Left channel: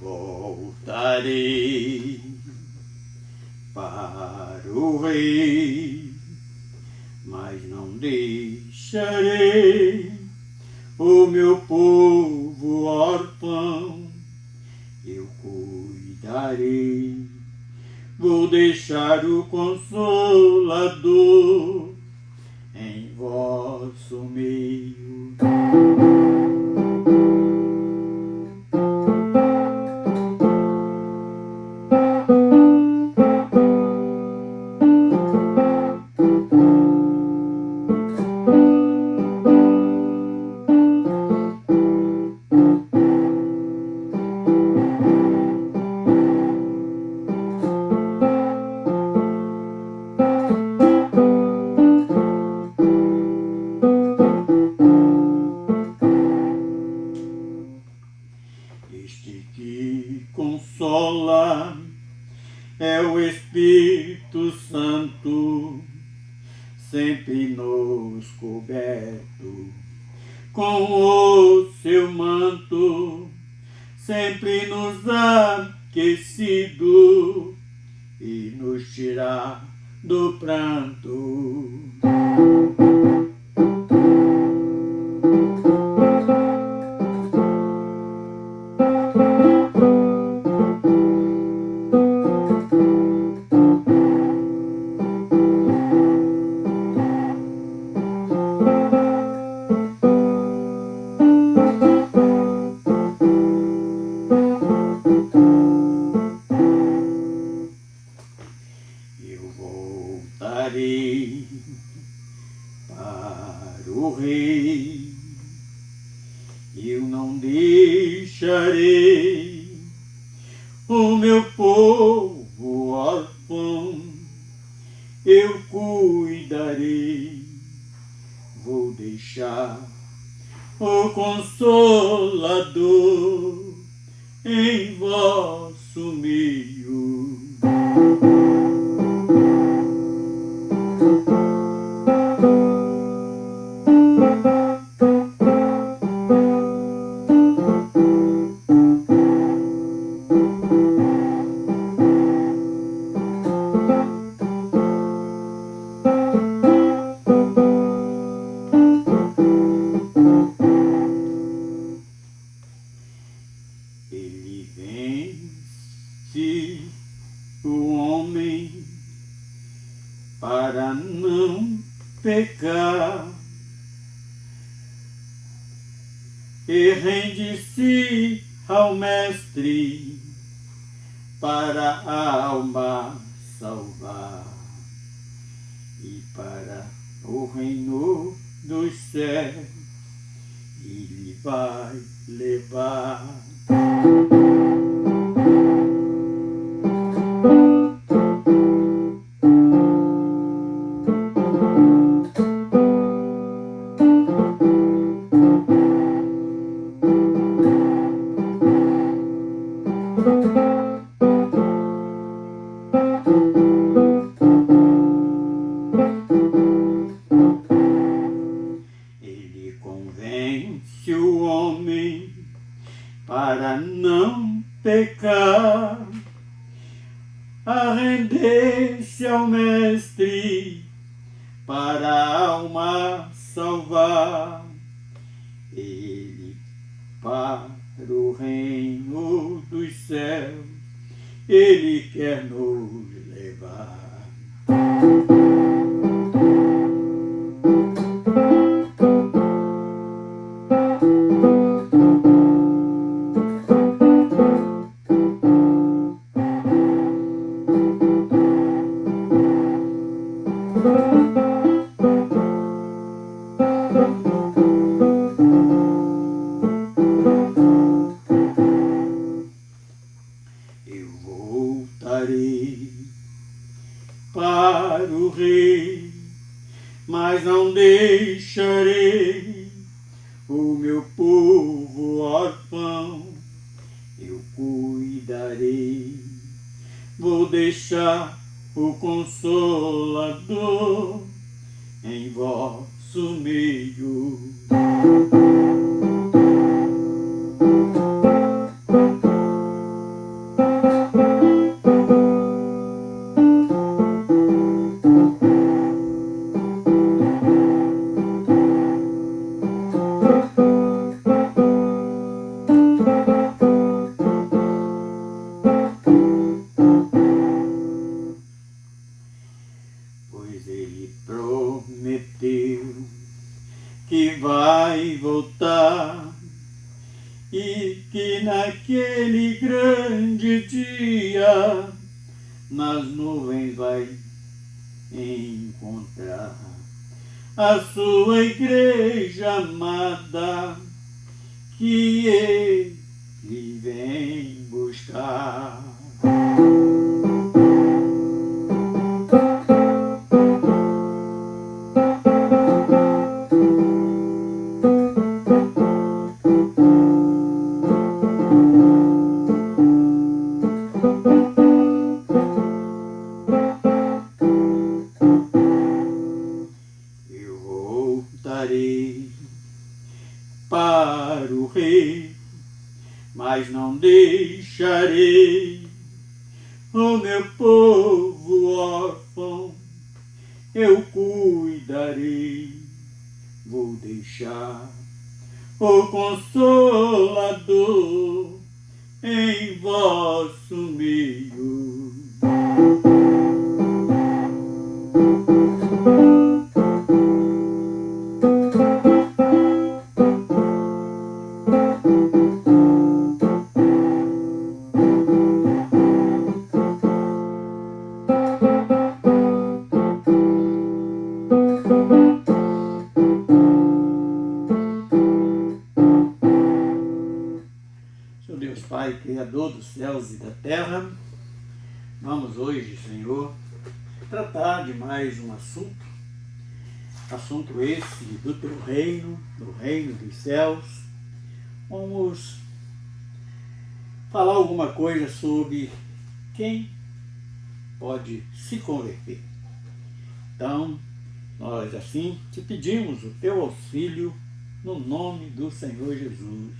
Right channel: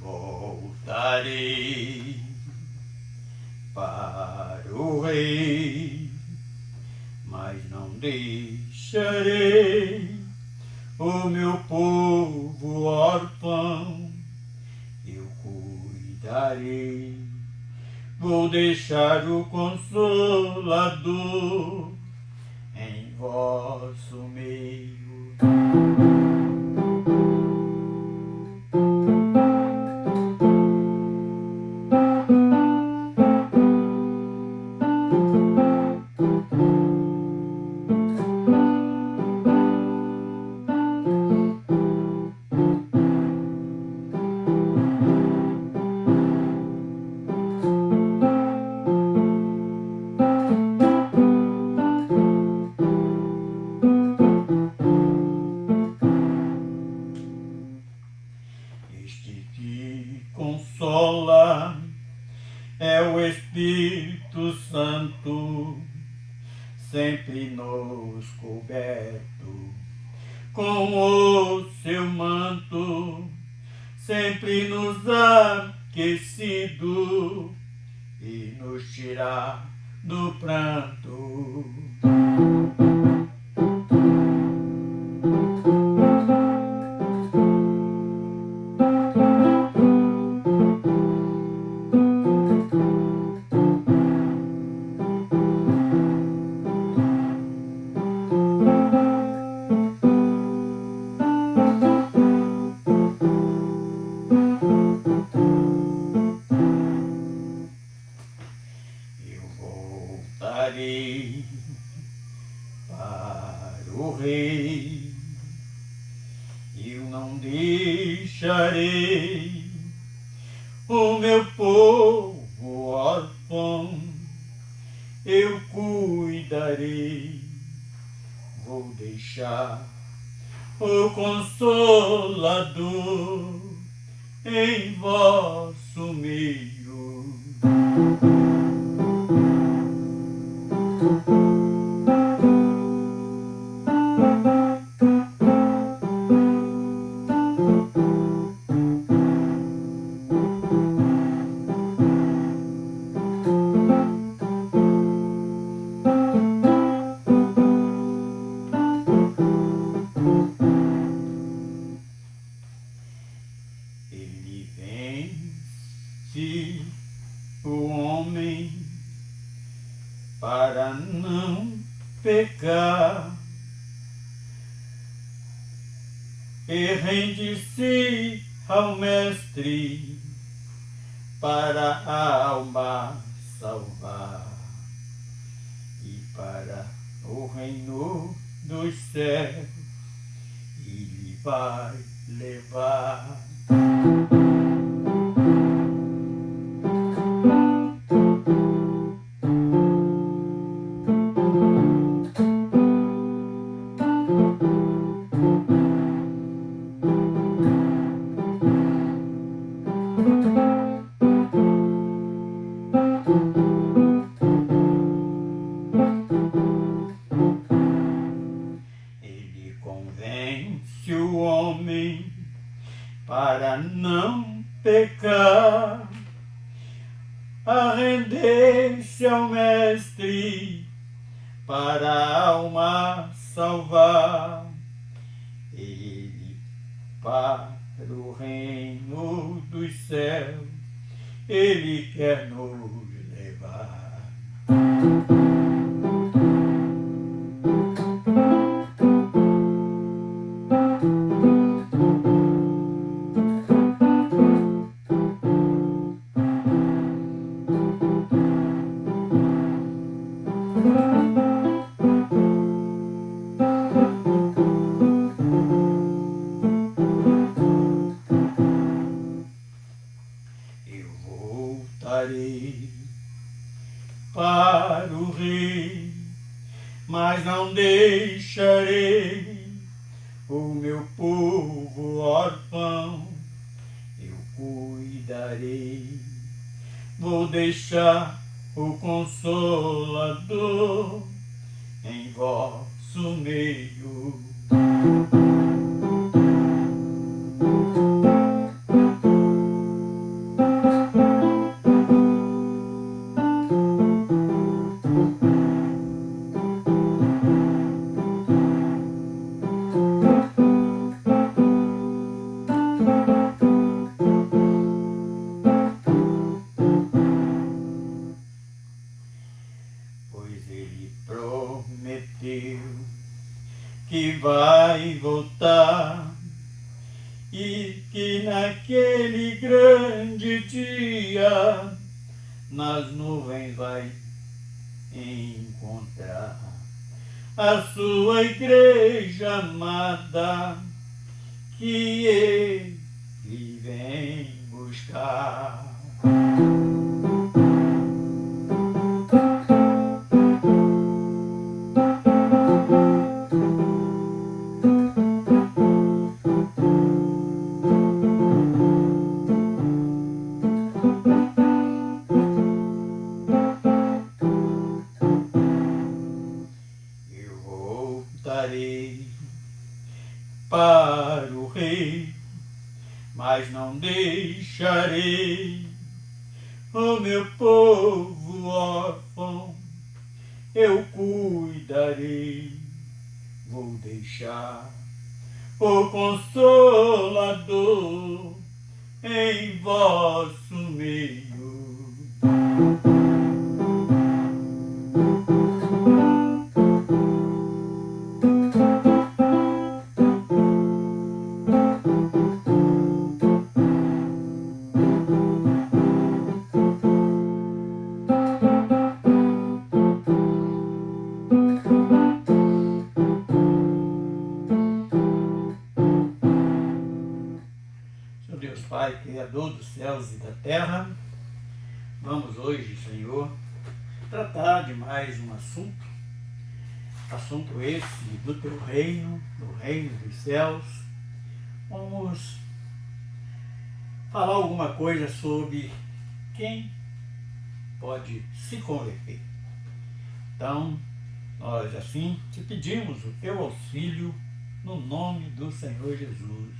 voltarei para o rei, mas não deixarei o meu povo órfão. Eu cuidarei, vou deixar o Consolador em vosso meio. Este que consola é o Espírito Santo, sempre nos coberto com o seu manto, sempre nos aquecido e nos tirar do pranto. Eu voltarei para o rei, eu não deixarei o meu povo órfão. Eu cuidarei, vou deixar o Consolador em vosso meio. Ele vence o homem para não pecar e rende-se ao Mestre para a alma salvar e para o reino dos céus ele vai levar. Ele convence o homem para não pecar, a render-se ao Mestre para a alma salvar. Ele para o reino dos céus ele quer nos levar. Eu voltarei para o rei, mas não deixarei o meu povo órfão. Eu cuidarei, vou deixar o Consolador em vosso meio. naquele grande dia, nas nuvens vai encontrar a sua igreja amada, que ele vem buscar. Eu voltarei para o Rei, mas não deixarei o meu povo órfão. Eu cuidarei, vou deixar o Consolador em vosso meio. Senhor Deus Pai, Criador dos céus e da terra, vamos hoje, Senhor, tratar de mais um assunto esse do Teu reino, do reino dos céus. Vamos falar alguma coisa sobre quem pode se converter. Então, nós assim te pedimos o Teu auxílio no nome do Senhor Jesus.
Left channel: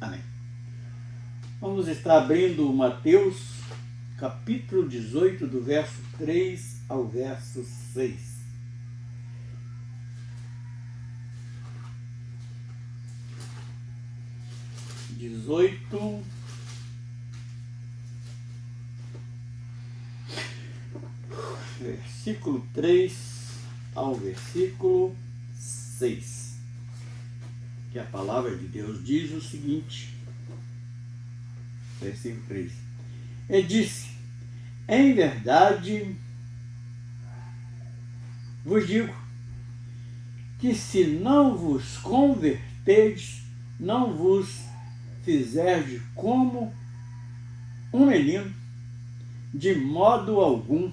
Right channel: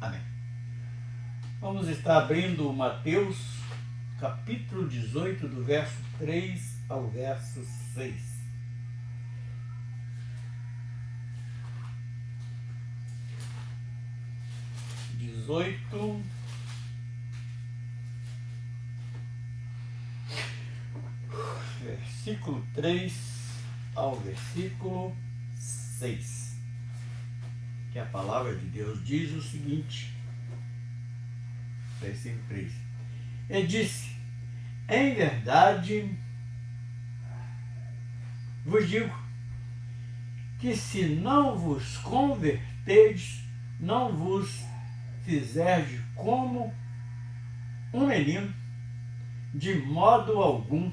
Amém. Vamos estar abrindo Mateus, capítulo 18, do verso 3 ao verso 6. Versículo 3 ao versículo 6, que a palavra de Deus diz o seguinte, versículo 3. E disse: em verdade vos digo que se não vos converterdes, não vos fizerdes como um menino, de modo algum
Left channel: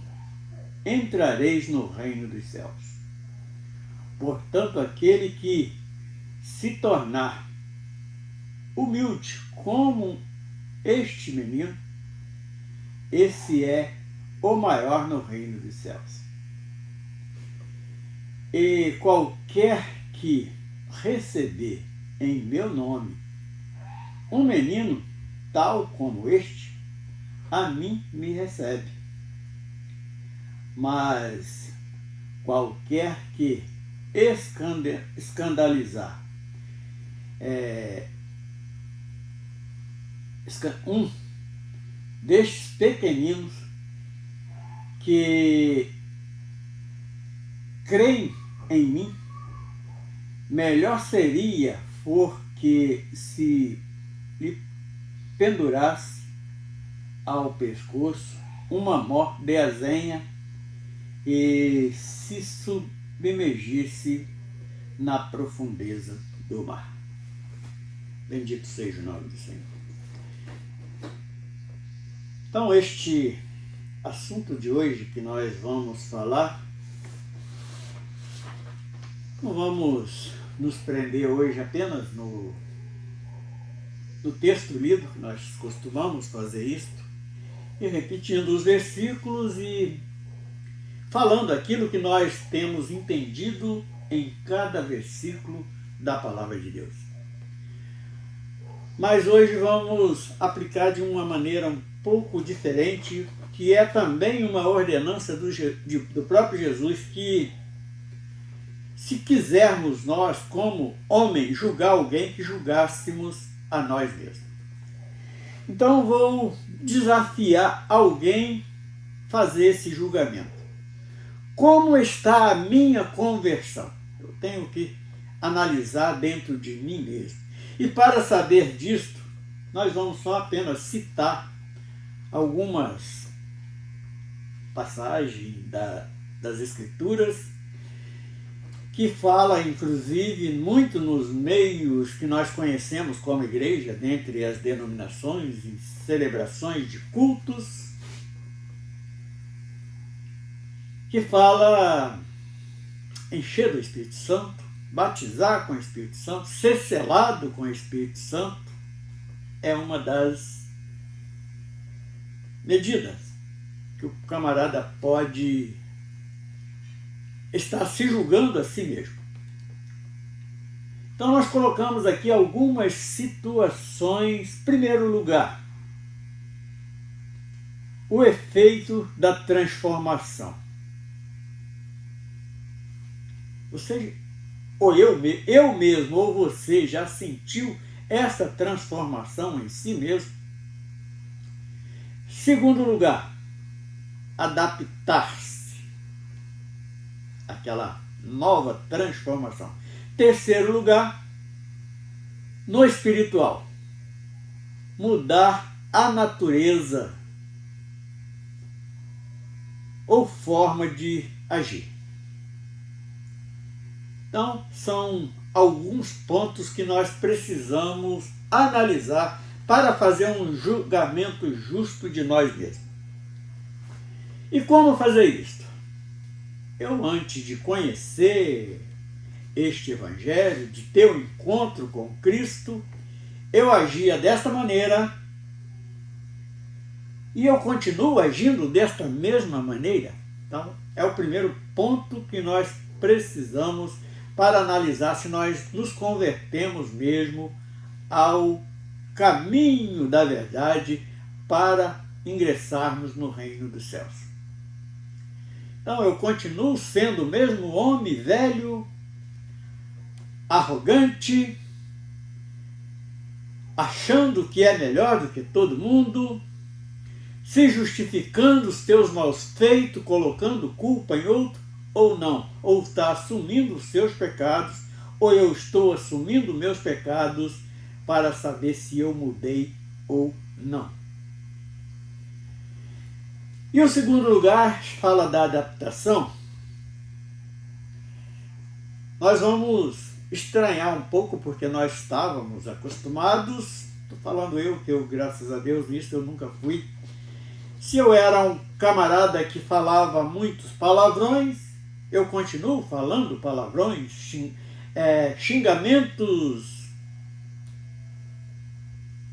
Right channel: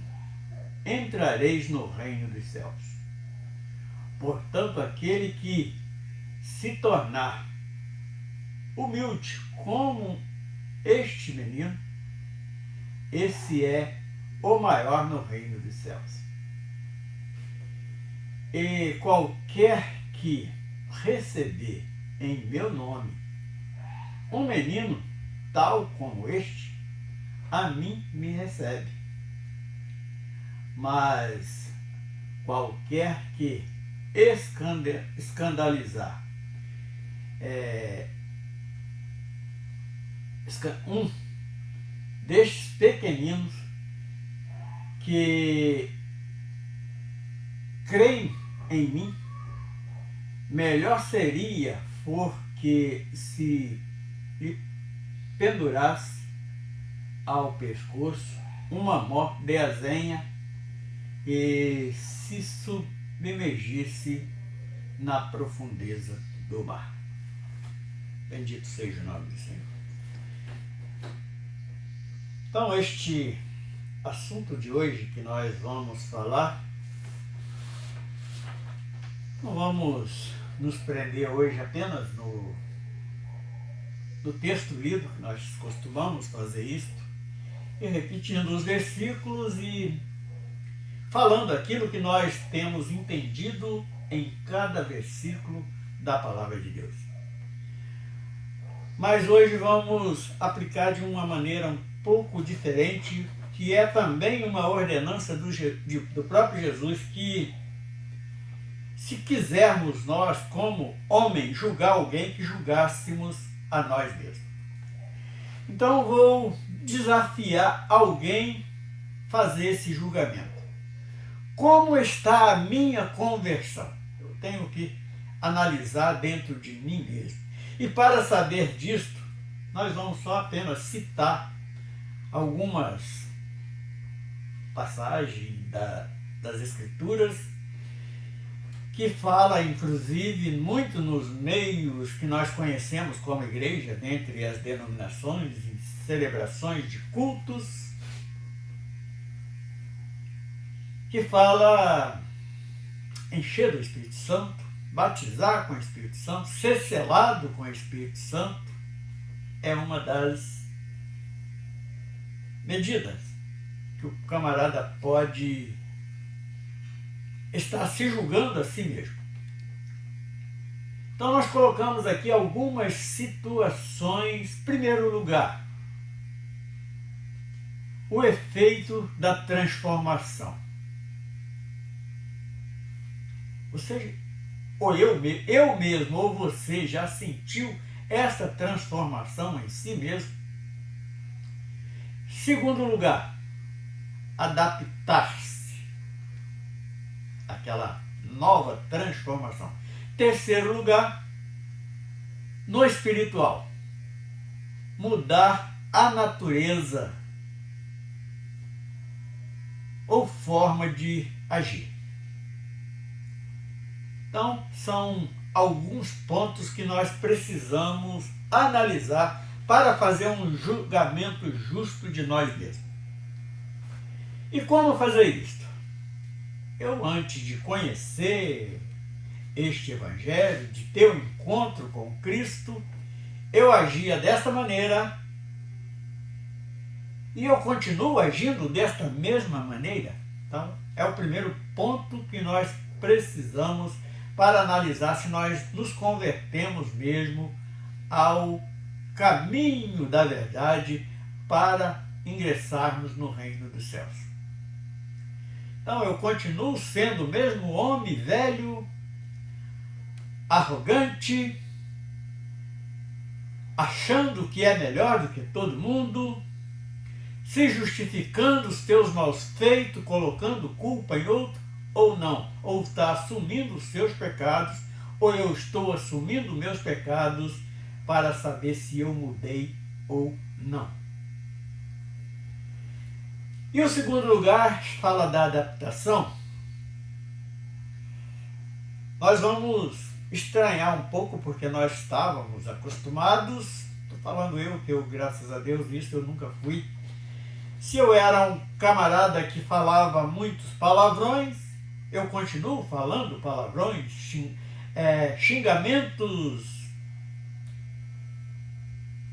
entrareis no reino dos céus. Portanto, aquele que se tornar humilde como este menino, esse é o maior no reino dos céus. E qualquer que receber em meu nome um menino tal como este, a mim me recebe. Mas qualquer que escandalizar um destes pequeninos que creem em mim, melhor seria porque se lhe pendurasse ao pescoço uma mó de azenha e se submergisse na profundeza do mar. Bendito seja o nome do Senhor. Então, este assunto de hoje que nós vamos falar, não vamos nos prender hoje apenas no texto lido, que nós costumamos fazer isto, e repetindo os versículos e falando aquilo que nós temos entendido em cada versículo da palavra de Deus. Mas hoje vamos aplicar de uma maneira um pouco diferente, que é também uma ordenança do próprio Jesus, que se quisermos nós, como homens, julgar alguém, que julgássemos a nós mesmos. Então vou desafiar alguém a fazer esse julgamento. Como está a minha conversão? Eu tenho que analisar dentro de mim mesmo. E para saber disto, nós vamos só apenas citar algumas passagens das Escrituras que fala, inclusive, muito nos meios que nós conhecemos como igreja, dentre as denominações e celebrações de cultos, que fala encher do Espírito Santo, batizar com o Espírito Santo, ser selado com o Espírito Santo, é uma das medidas que o camarada pode estar se julgando a si mesmo. Então nós colocamos aqui algumas situações. Em primeiro lugar, o efeito da transformação. Você, ou eu mesmo, ou você já sentiu essa transformação em si mesmo? Segundo lugar, adaptar-se àquela nova transformação. Terceiro lugar, no espiritual, mudar a natureza ou forma de agir. Então, são alguns pontos que nós precisamos analisar para fazer um julgamento justo de nós mesmos. E como fazer isso? Eu, antes de conhecer este Evangelho, de ter um encontro com Cristo, eu agia desta maneira e eu continuo agindo desta mesma maneira. Então, é o primeiro ponto que nós precisamos para analisar se nós nos convertemos mesmo ao caminho da verdade para ingressarmos no reino dos céus. Então, eu continuo sendo o mesmo homem velho, arrogante, achando que é melhor do que todo mundo, se justificando os teus maus feitos, colocando culpa em outro, ou não, ou está assumindo os seus pecados, ou eu estou assumindo meus pecados para saber se eu mudei ou não. E o segundo lugar fala da adaptação. Nós vamos estranhar um pouco porque nós estávamos acostumados, estou falando que eu, graças a Deus, nisso eu nunca fui. Se eu era um camarada que falava muitos palavrões, eu continuo falando palavrões, xingamentos.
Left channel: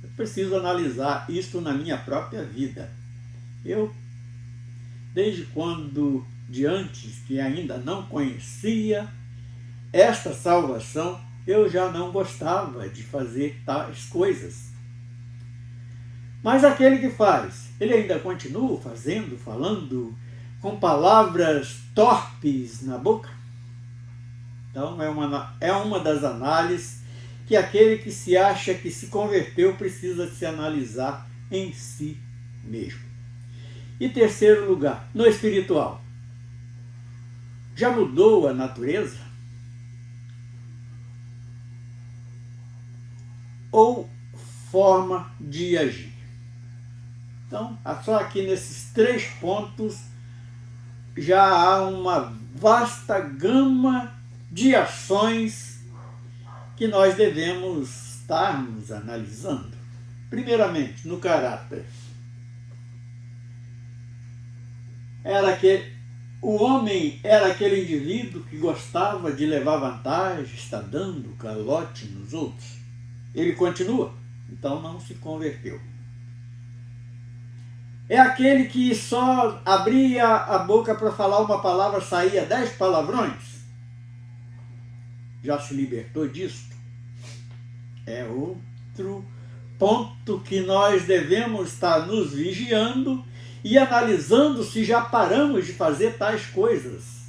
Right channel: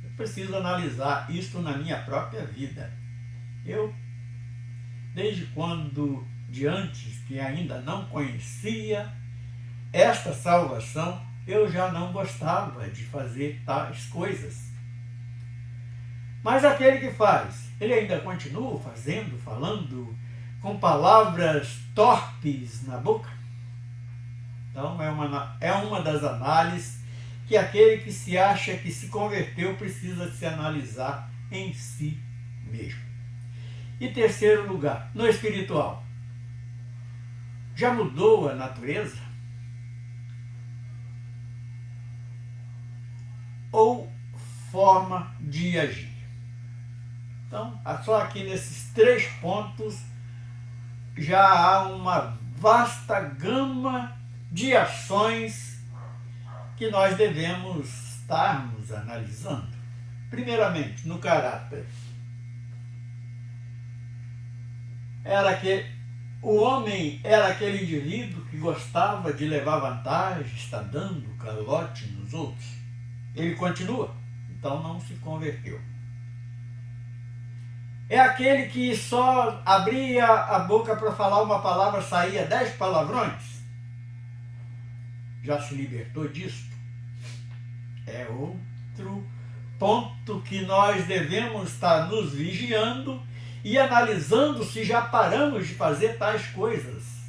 Eu preciso analisar isso na minha própria vida. Eu, desde quando de antes, que ainda não conhecia esta salvação, eu já não gostava de fazer tais coisas. Mas aquele que faz, ele ainda continua fazendo, falando com palavras torpes na boca? Então, é uma das análises que aquele que se acha que se converteu precisa se analisar em si mesmo. E terceiro lugar, no espiritual. Já mudou a natureza? Ou forma de agir? Então, só aqui nesses 3 pontos já há uma vasta gama de ações que nós devemos estarmos analisando. Primeiramente, no caráter. O homem era aquele indivíduo que gostava de levar vantagem, está dando calote nos outros. Ele continua, então não se converteu. É aquele que só abria a boca para falar uma palavra, saía 10 palavrões. Já se libertou disso? É outro ponto que nós devemos estar nos vigiando e analisando se já paramos de fazer tais coisas.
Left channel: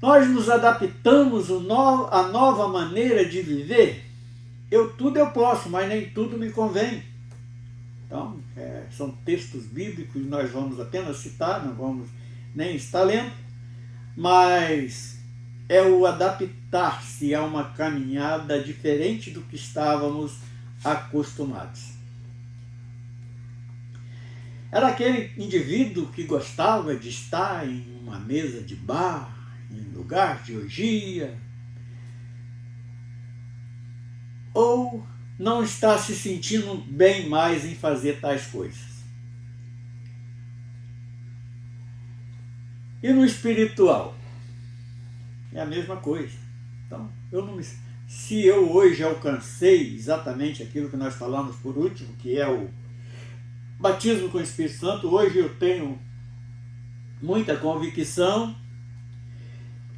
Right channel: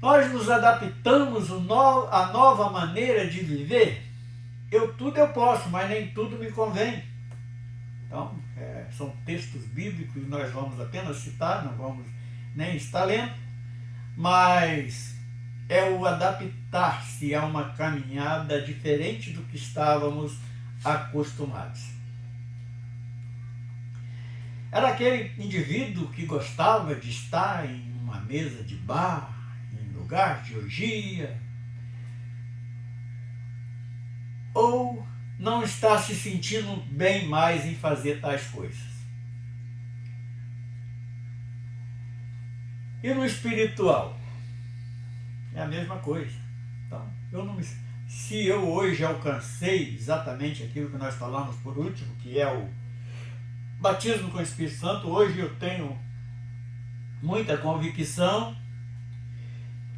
Nós nos adaptamos à nova maneira de viver. Tudo eu posso, mas nem tudo me convém. Então, são textos bíblicos que nós vamos apenas citar, não vamos nem estar lendo, mas é o adaptar-se a uma caminhada diferente do que estávamos acostumados. Era aquele indivíduo que gostava de estar em uma mesa de bar, em lugar de orgia, ou não está se sentindo bem mais em fazer tais coisas. E no espiritual? É a mesma coisa. Então, se eu hoje alcancei exatamente aquilo que nós falamos por último, que é o batismo com o Espírito Santo, hoje eu tenho muita convicção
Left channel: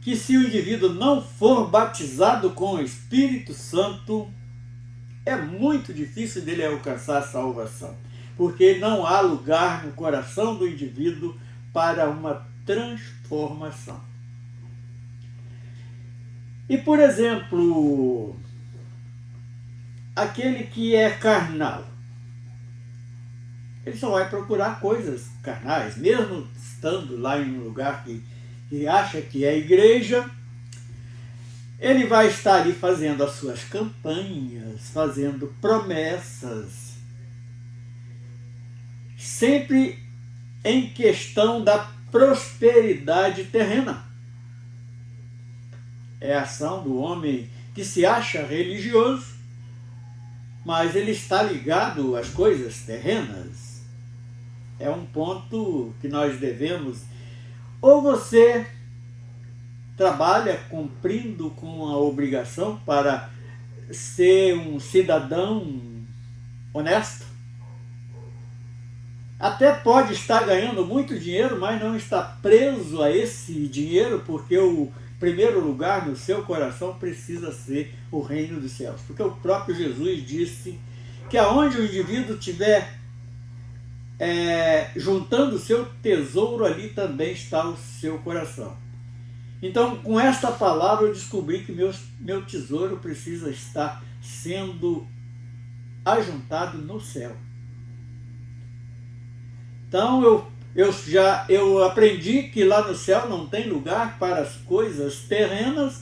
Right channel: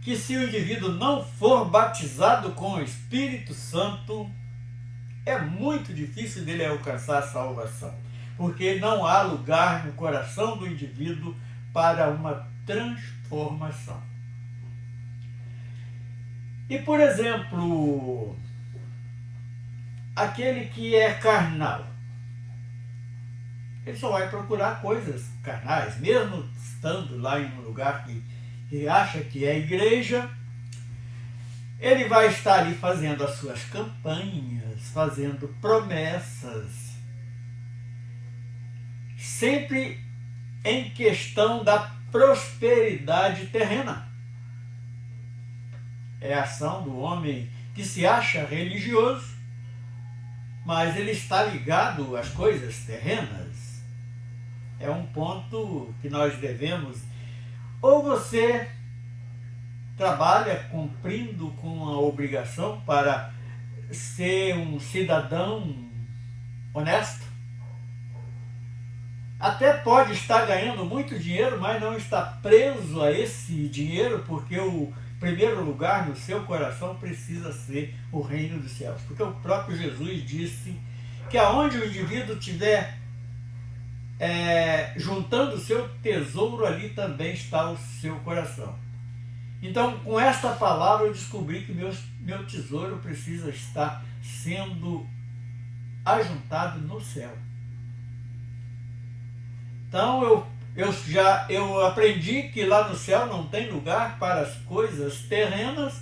que se o indivíduo não for batizado com o Espírito Santo, é muito difícil dele alcançar a salvação, porque não há lugar no coração do indivíduo para uma transformação. E, por exemplo, aquele que é carnal, ele só vai procurar coisas carnais, mesmo estando lá em um lugar que acha que é igreja, ele vai estar ali fazendo as suas campanhas, fazendo promessas, sempre em questão da prosperidade terrena. É a ação do homem que se acha religioso, mas ele está ligado às coisas terrenas. É um ponto que nós devemos... Ou você trabalha cumprindo com a obrigação para ser um cidadão honesto, até pode estar ganhando muito dinheiro, mas não está preso a esse dinheiro, porque o primeiro lugar no seu coração precisa ser o reino dos céus. Porque o próprio Jesus disse que aonde o indivíduo estiver juntando o seu tesouro, ali também está o seu coração. Então, com esta palavra, eu descobri que meu tesouro precisa estar sendo ajuntado no céu. Então, eu aprendi que lá no céu não tem lugar para as coisas terrenas.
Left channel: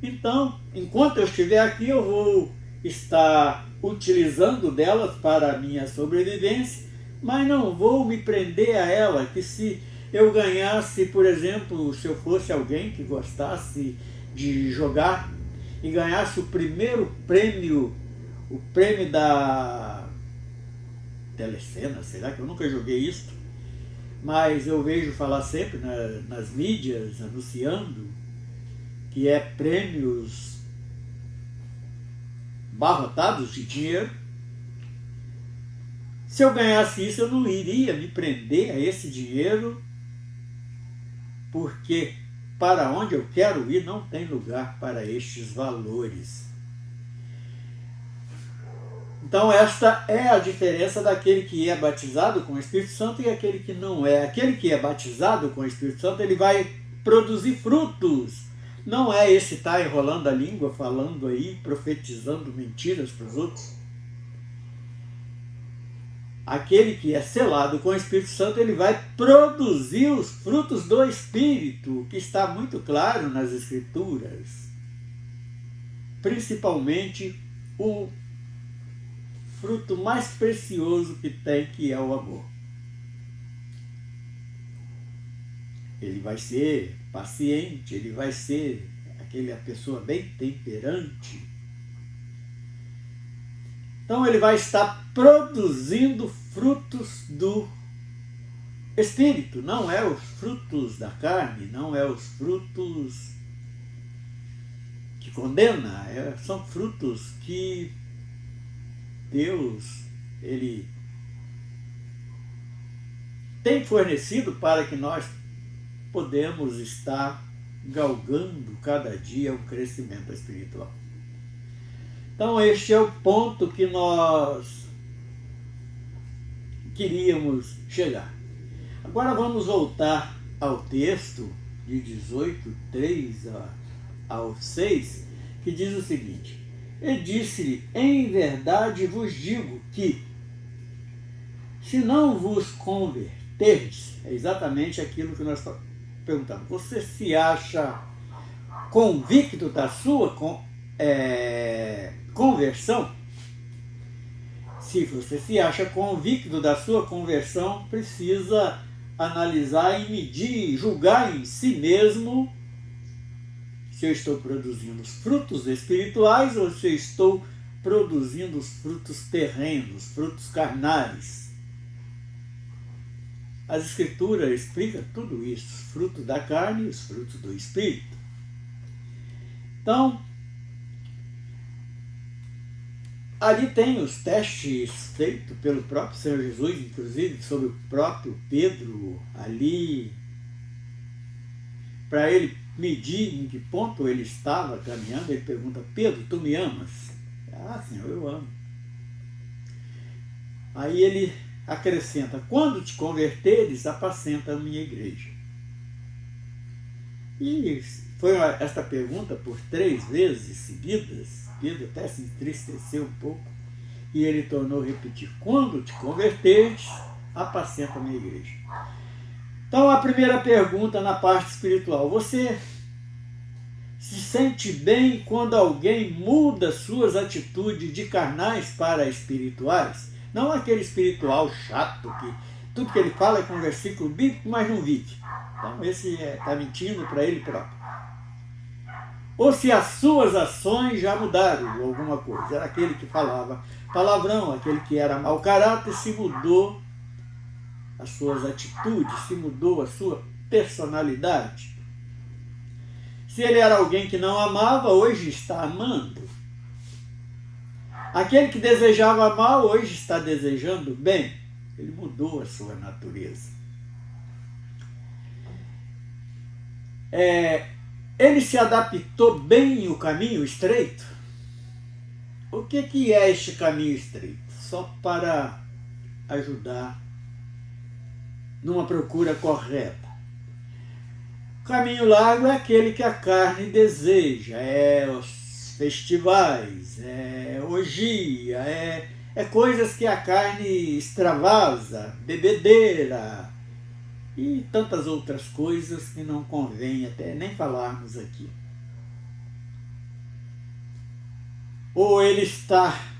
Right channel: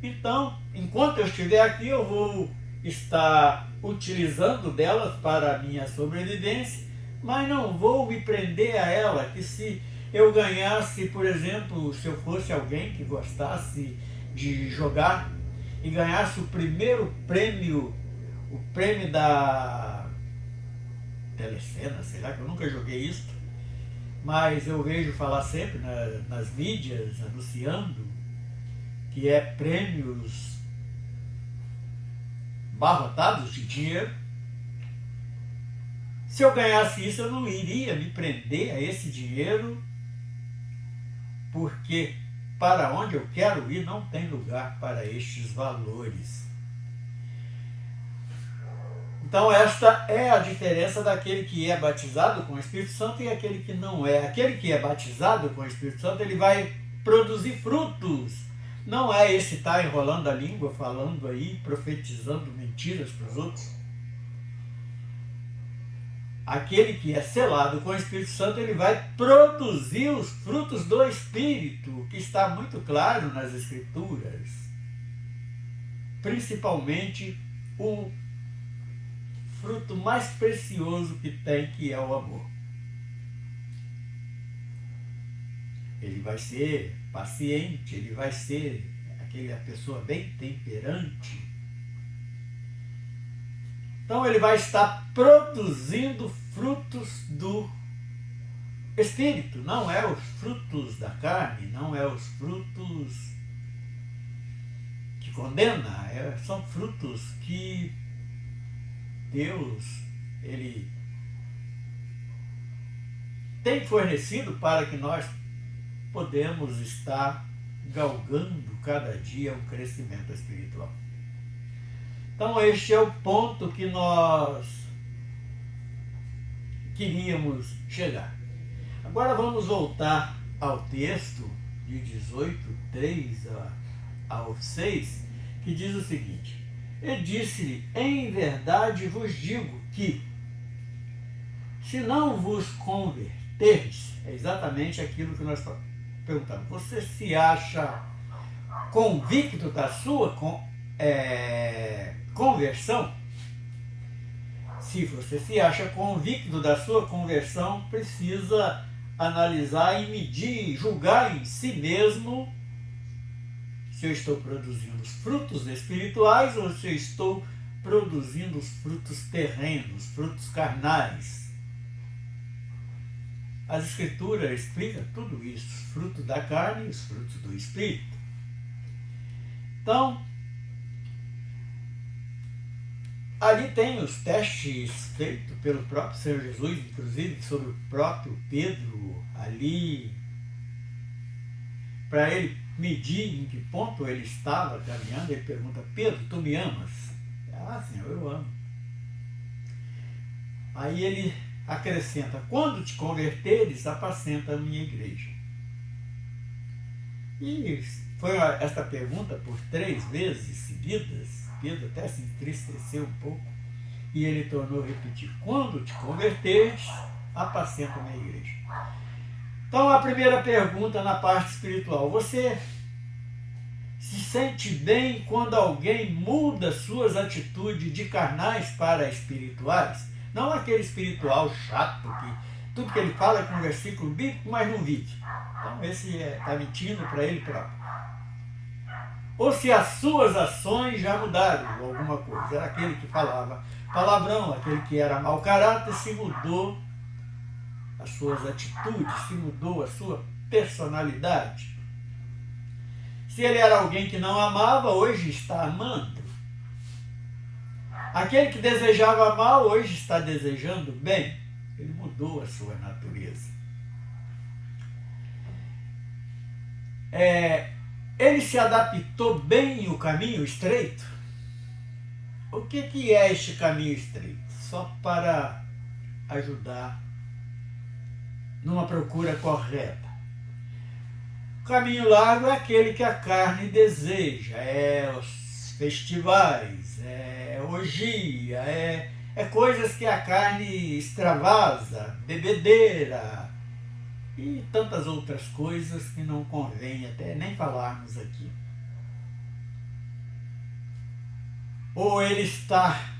Então, enquanto eu estiver aqui, eu vou estar utilizando delas para a minha sobrevivência, mas não vou me prender a ela, que se eu ganhasse, por exemplo, se eu fosse alguém que gostasse de jogar e ganhasse o primeiro prêmio, o prêmio da Telecena, sei lá, que eu nunca joguei isso, mas eu vejo falar sempre nas mídias, anunciando, que é prêmios barrotados de dinheiro. Se eu ganhasse isso, eu não iria me prender a esse dinheiro, porque para onde eu quero ir não tem lugar para estes valores. Então, esta é a diferença daquele que é batizado com o Espírito Santo e aquele que não é. Aquele que é batizado com o Espírito Santo, ele vai produzir frutos. Não é esse estar enrolando a língua, falando aí, profetizando mentiras para os outros. Aquele que é selado com o Espírito Santo, ele vai produzir os frutos do Espírito, que está muito claro nas Escrituras. Principalmente o fruto mais precioso que tem, que é o amor. Ele vai ser paciente, ele vai ser a pessoa bem temperante. Então ele vai estar produzindo frutos do Espírito, não é os frutos da carne, não é os frutos que condena, são frutos que Deus, ele tem fornecido para que nós podemos estar galgando cada dia um crescimento espiritual. Então, este é o ponto que nós queríamos chegar. Agora vamos voltar ao texto de 18, 3 ao 6, que diz o seguinte: E disse-lhe, em verdade vos digo que, se não vos converterdes, é exatamente aquilo que nós perguntamos, você se acha convicto da sua conversão, se você se acha convicto da sua conversão, precisa analisar e medir, julgar em si mesmo se eu estou produzindo os frutos espirituais ou se eu estou produzindo os frutos terrenos, frutos carnais. As Escrituras explicam tudo isso, os frutos da carne e os frutos do Espírito. Então, ali tem os testes feitos pelo próprio Senhor Jesus, inclusive sobre o próprio Pedro, ali, para ele medir em que ponto ele estava caminhando. Ele pergunta: Pedro, tu me amas? Ah, Senhor, eu amo. Aí ele acrescenta: quando te converteres, apacenta a minha igreja. E foi esta pergunta por 3 vezes seguidas. Pedro até se entristeceu um pouco e ele tornou a repetir: quando te converteres, apacenta a minha igreja. Então, a primeira pergunta na parte espiritual: você se sente bem quando alguém muda suas atitudes de carnais para espirituais? Não aquele espiritual chato que tudo que ele fala é com versículo bíblico, mas não vive. Então, esse está mentindo para ele próprio. Ou se as suas ações já mudaram alguma coisa. Era aquele que falava palavrão, aquele que era mau caráter, se mudou as suas atitudes, se mudou a sua personalidade. Se ele era alguém que não amava, hoje está amando. Aquele que desejava mal, hoje está desejando bem. Ele mudou a sua natureza. Ele se adaptou bem ao caminho estreito? O que é este caminho estreito? Só para ajudar numa procura correta. O caminho largo é aquele que a carne deseja, é os festivais, é orgia, é coisas que a carne extravasa, bebedeira e tantas outras coisas que não convém até nem falarmos aqui. Ou ele está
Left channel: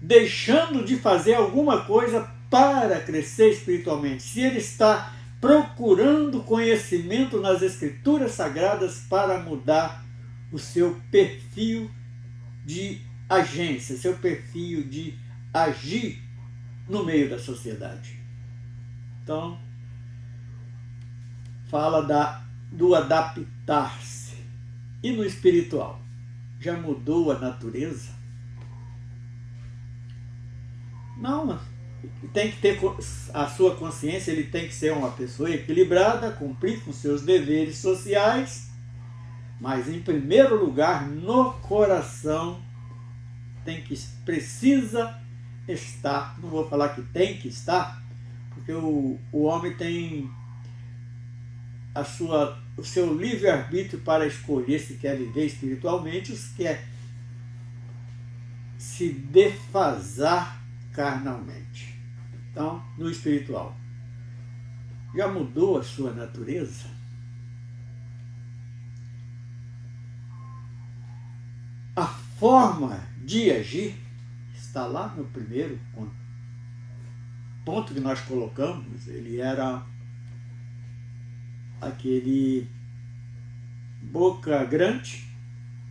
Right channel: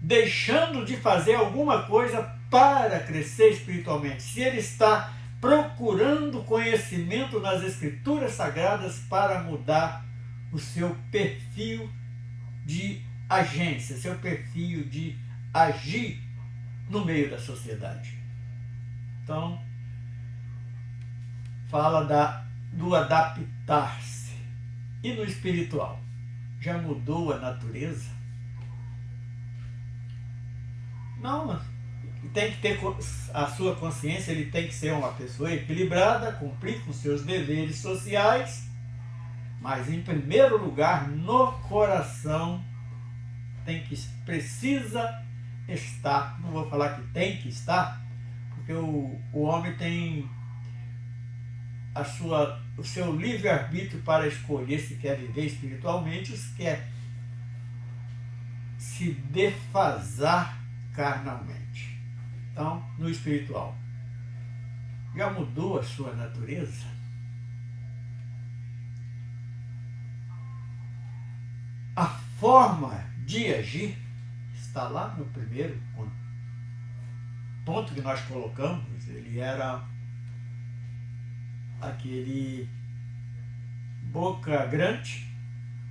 deixando de fazer alguma coisa para crescer espiritualmente. Se ele está procurando conhecimento nas Escrituras Sagradas para mudar o seu perfil de agência, seu perfil de agir no meio da sociedade. Então, fala do adaptar-se. E no espiritual? Já mudou a natureza? Não, tem que ter a sua consciência, ele tem que ser uma pessoa equilibrada, cumprir com seus deveres sociais, mas em primeiro lugar, no coração, precisa estar, não vou falar que tem que estar, porque o homem tem o seu livre-arbítrio para escolher se quer viver espiritualmente ou se quer se defasar carnalmente. Então, no espiritual, já mudou a sua natureza? A forma de agir está lá no primeiro ponto que nós colocamos. Ele era aquele boca grande,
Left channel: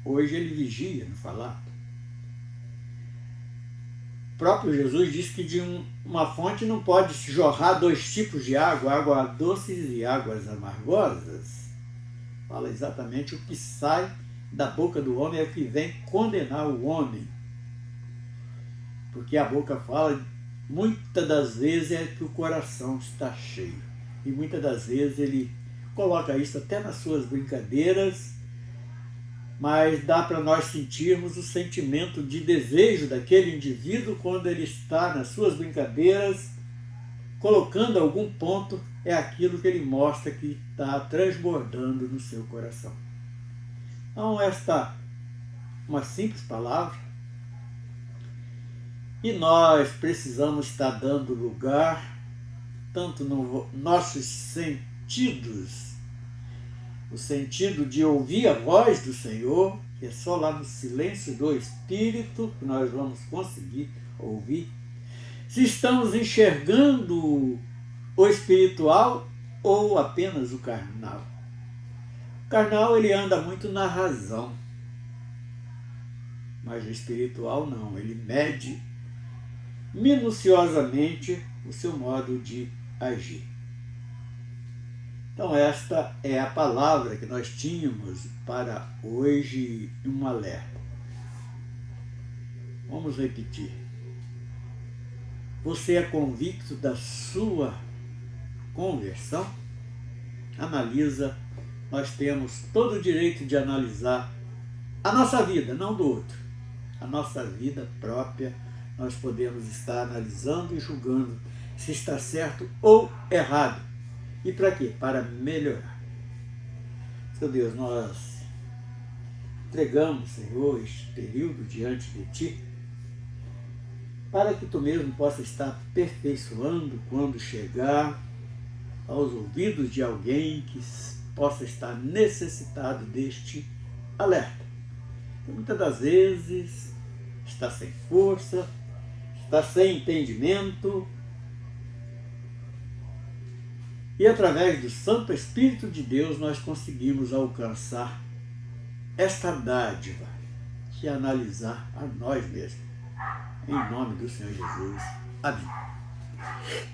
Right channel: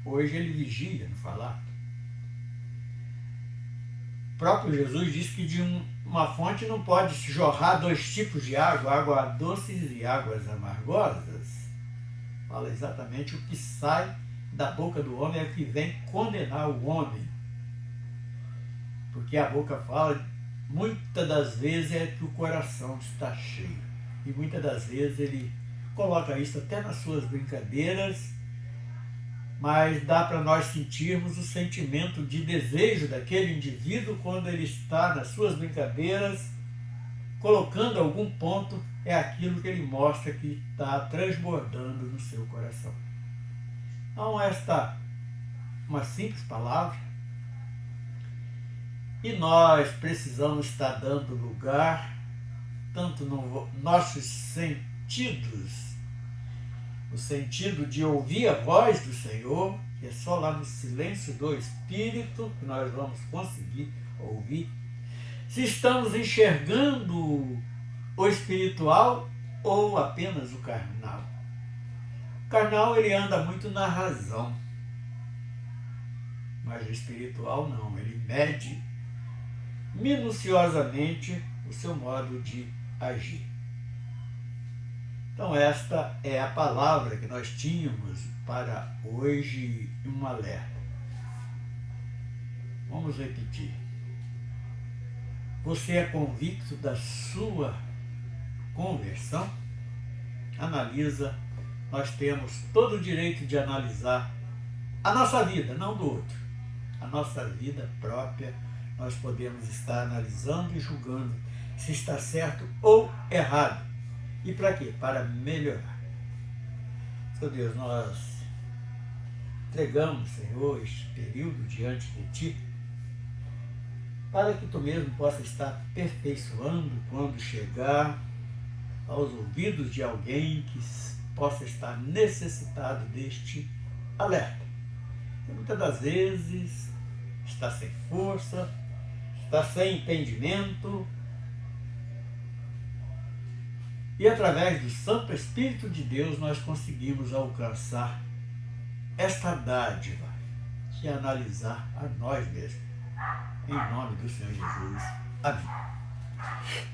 hoje ele vigia no falar. O próprio Jesus disse que de uma fonte não pode se jorrar 2 tipos de água, águas doces e águas amargosas. Fala exatamente o que sai da boca do homem é o que vem condenar o homem. Porque a boca fala, muitas das vezes é que o coração está cheio. E muitas das vezes ele coloca isso até nas suas brincadeiras, mas dá para nós sentirmos o sentimento de desejo daquele indivíduo quando ele está nas suas brincadeiras, colocando algum ponto, é aquilo que ele mostra que está transbordando no seu coração. Então, esta é uma simples palavra, e nós precisamos estar dando lugar, tanto nos nossos sentidos, no sentido de ouvir a voz do Senhor, que é só lá no silêncio do Espírito que nós vamos conseguir ouvir, se estamos enxergando o espiritual ou apenas o carnal. O carnal, ele anda muito na razão, mas o espiritual não, ele mede minuciosamente o seu modo de agir. Então esta é a palavra que nós tínhamos para hoje, um alerta. Vamos repetir. Você é convicto da sua conversão? Analisa. Nós temos todo o direito de analisar a nossa vida, não do outro. A nossa vida própria, nós podemos estar analisando e julgando se está certo ou errado. E para quê? Para melhorar. Seu Deus, nós entregamos, Senhor, este período diante de Ti, para que Tu mesmo possa estar aperfeiçoando quando chegar aos ouvidos de alguém que possa estar necessitado deste alerta. Porque muitas das vezes está sem força, está sem entendimento, e através do Santo Espírito de Deus nós conseguimos alcançar esta dádiva, que é analisar a nós mesmos. Em nome do Senhor Jesus. Amém.